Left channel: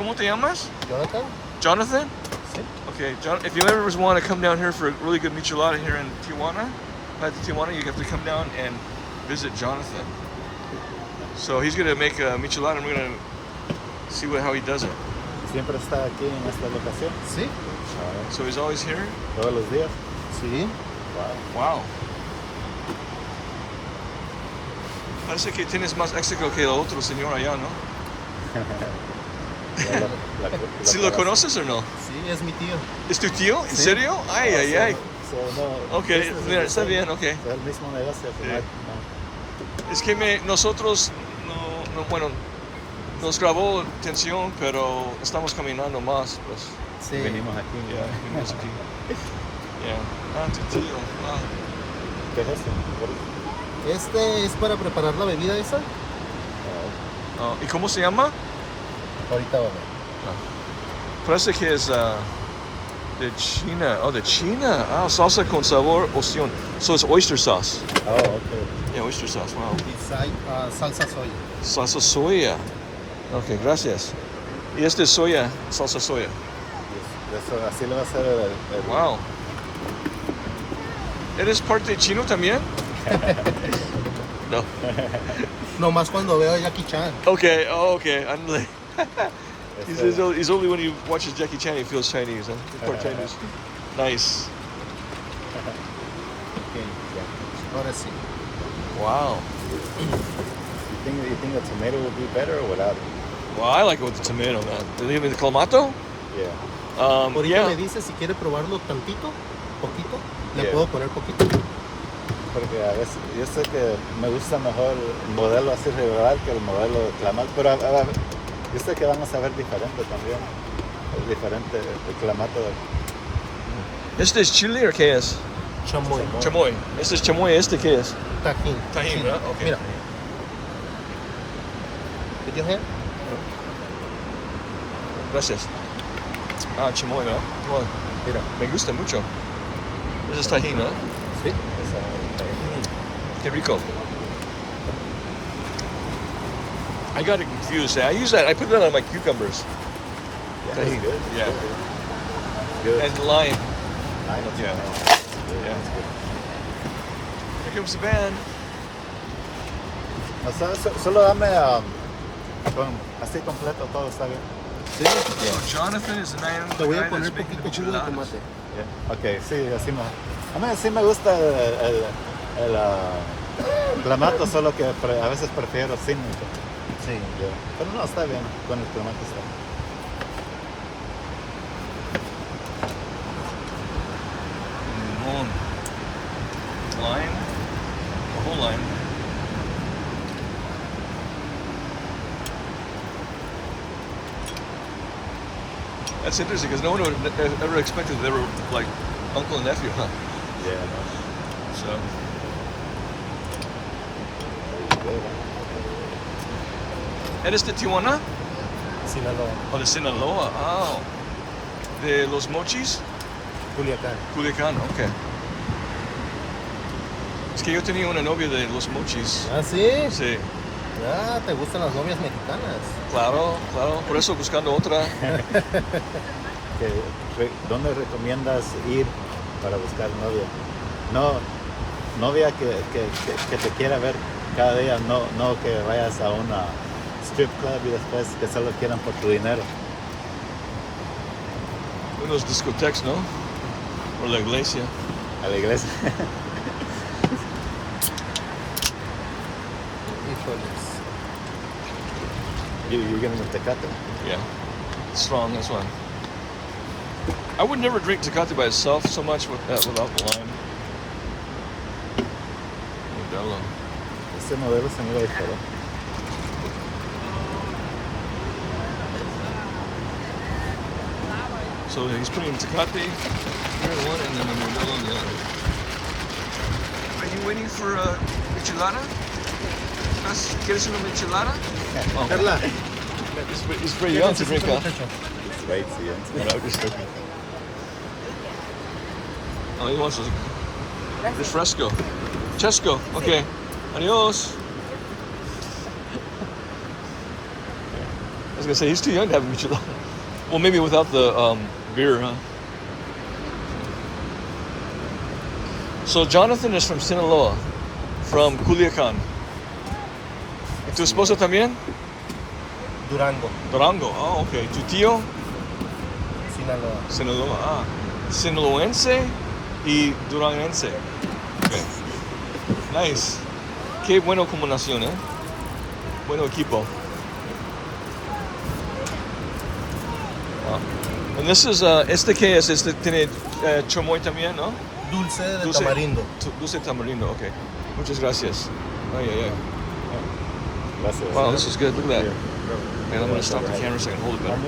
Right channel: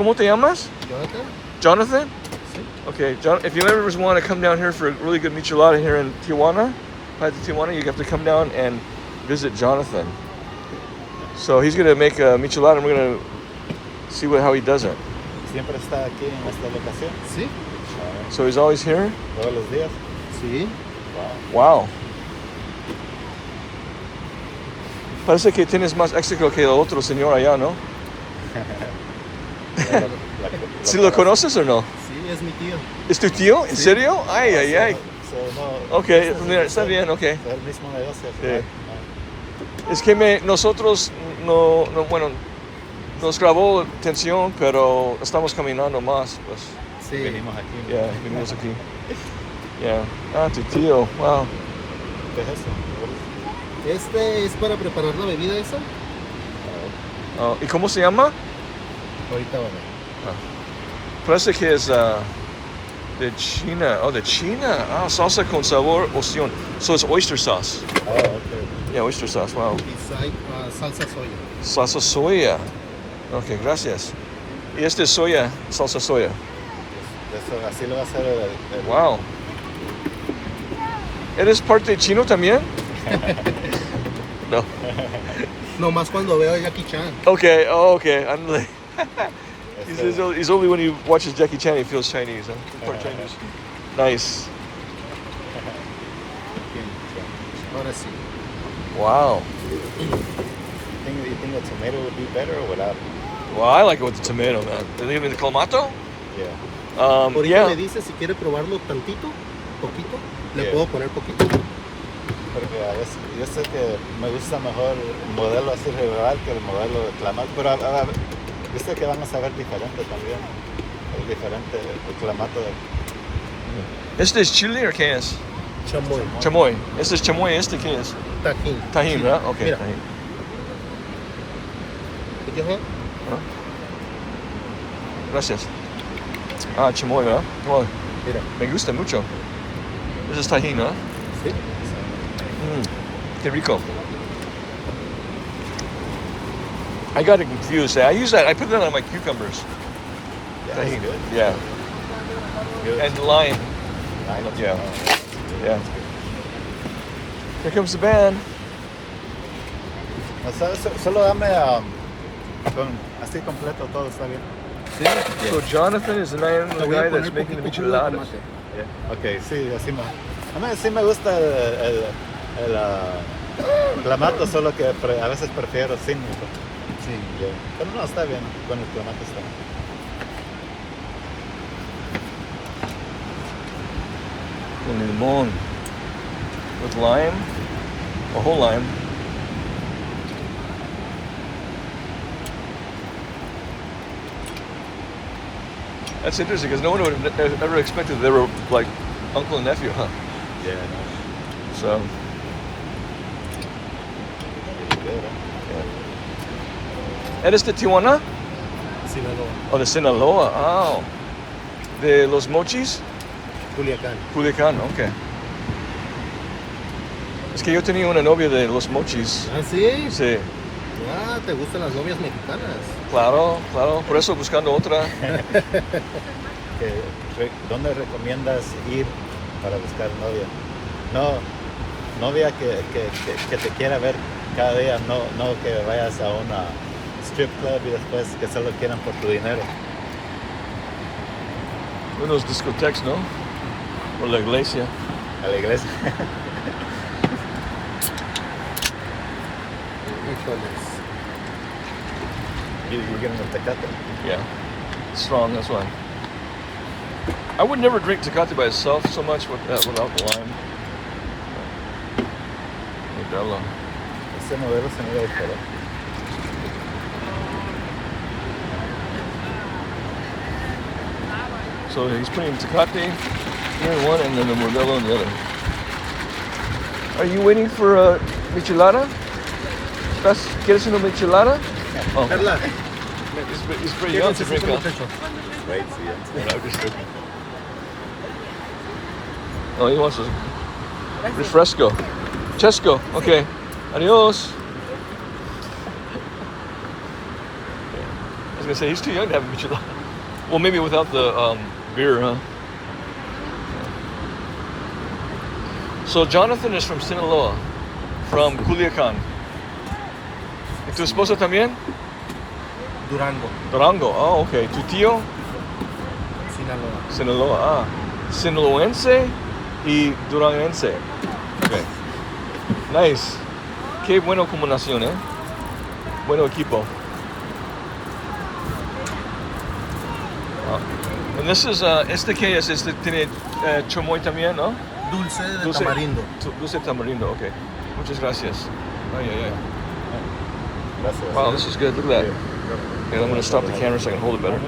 ¿Cómo te llamas? Jonathan? Jonathan? Sí. Okay, John, if you ever want to come down here for a really good michelada here in Tijuana, you have to come down and visit Jonathan. So he's gonna make a michelada and we're gonna see how he does it. ¿Siempre está aquí en esta locación? Sí. So he's always here? ¿Todos los días? Sí. Wow. Parece que tienes más éxito que el otro señor allá, ¿no? ¿Sí lo conoces o no? Sí, es mi tío. ¿Es tu tío? ¿En serio? Ay, ay, ay. No, Ok, mira, está bien, ok. es el mismo negocio. Sí. Es que nosotros bueno, nos grabó atención, pero estamos caminando más, pues. Sí. Venimos aquí. Ya, venimos aquí. Ya. Ah, tu tío, wow. ¿Qué es eso? Este es para preparar la bebida esa. Oh, ¿y cómo se llama? Ahorita va a ver. Parece que es de China. Oh, de China. Ah, salsa con sabor ocean. So it's oyster sauce. Oh, okay. Yeah, oyster sauce, wow. Y salsa soya. Salsa soya. Ok, gracias. Y este es soya, salsa soya. Eso, así lo va a hacer el Wow. ¿Eres parte chino también? No. Nomás cuando veo a Jackie Chan. Okay, oh, okay. I'm like, he's only when he watches Jackie Chan he feels Chinese. Huh? He's part Chinese. Nice. Ahora sí. Wow. You think the tomato would be better or without it? Well, I like it with the tomato. Even the clamato? Yeah. Ahorita Yeah. me dice si quiere probarlo tantito, poquito. Le Yeah. puedo poner poquito. Porque yo sé que me gusta mejor el modelo así regular que el modelo clamato, pero a ver, yo sé que van a saber diferente también. Es diferente el clamato. ¿Este es chile o qué es? Chamoy. Chamoy. Este es chamoy, ¿este qué es? Tajín. Tajín, Sí. ¿verdad? Okay. Mira. Tajín. Put your hand. Gracias. Ah, chamoy, ¿verdad? Bueno, Mira. me gusta mucho. Ese es tajín, ¿no? Sí. Qué rico. I got it confused. I put that on my cucumbers. Yeah, that's good. Yeah. Good. And lime. Yeah. Yeah. Here comes the band. Solo dame así completo todo, está bien. Sí. So Jonathan is the man, Le the voy a guy that's poner making the poquito jugo de micheladas. tomate. Yeah. Ok, sí, así me... A mí sí me gusta el clamato, solo que a veces prefiero sin. Sí. Pero no, está bien, con el tomate está. Limon. With lime. A whole lime. That's interesting because no one would have ever expected they were like uncle and nephew, huh? Yeah. So, Good. ¿eres de Tijuana? Sinaloa. O de Sinaloa? Oh. ¿De los mochis? Culiacán. Culiacán, ok. Es que yo tenía una novia de los mochis. ¿Ah, sí? Sí. Ya, ¿te gustan las novias mexicanas? Claro, claro. Por eso buscando otra. ¿Dónde recomiendas ir para buscar novia? No, novia que te quiera ver cada día, no que vayas a una strip club y después que solo quieran por tu dinero. Unos discotecas, ¿no? O la iglesia. A la iglesia. Híjoles. You give them Tecate. Yeah. Strong, that's why. I would never drink Tecate by itself so much without the lime. Modelo. Este modelo se mira diferente. So he's putting Tecate here in one and then the Modelo in the other. Are you waiting for a michelada? ¿Quieres una michelada? Oh. Carla, He's pretty ¿qué young to drink, necesita, huh? muchacho? Right, sí, Oh, he wants a refresco. Chesco, okay. Adios. Es gonna say he's too young to have a michelada. Well, maybe without the beer, huh? So Jonathan is from Sinaloa, from Culiacan. ¿Y tu esposa también? Durango, Durango. Oh, okay. ¿Tu tío? Sinaloa. Sinaloa. Ah, sinaloense y duranguense. Okay. Nice. Qué bueno combinación, ¿eh? Bueno equipo. And this is, este que es, este tiene chamoy también, ¿no? Dulce de tamarindo. Dulce de tamarindo, okay. Muchas gracias. Ay, ay, ay. Gracias. Wow, this is good. Look at that. And I'm going to stop the camera so I can hold it better.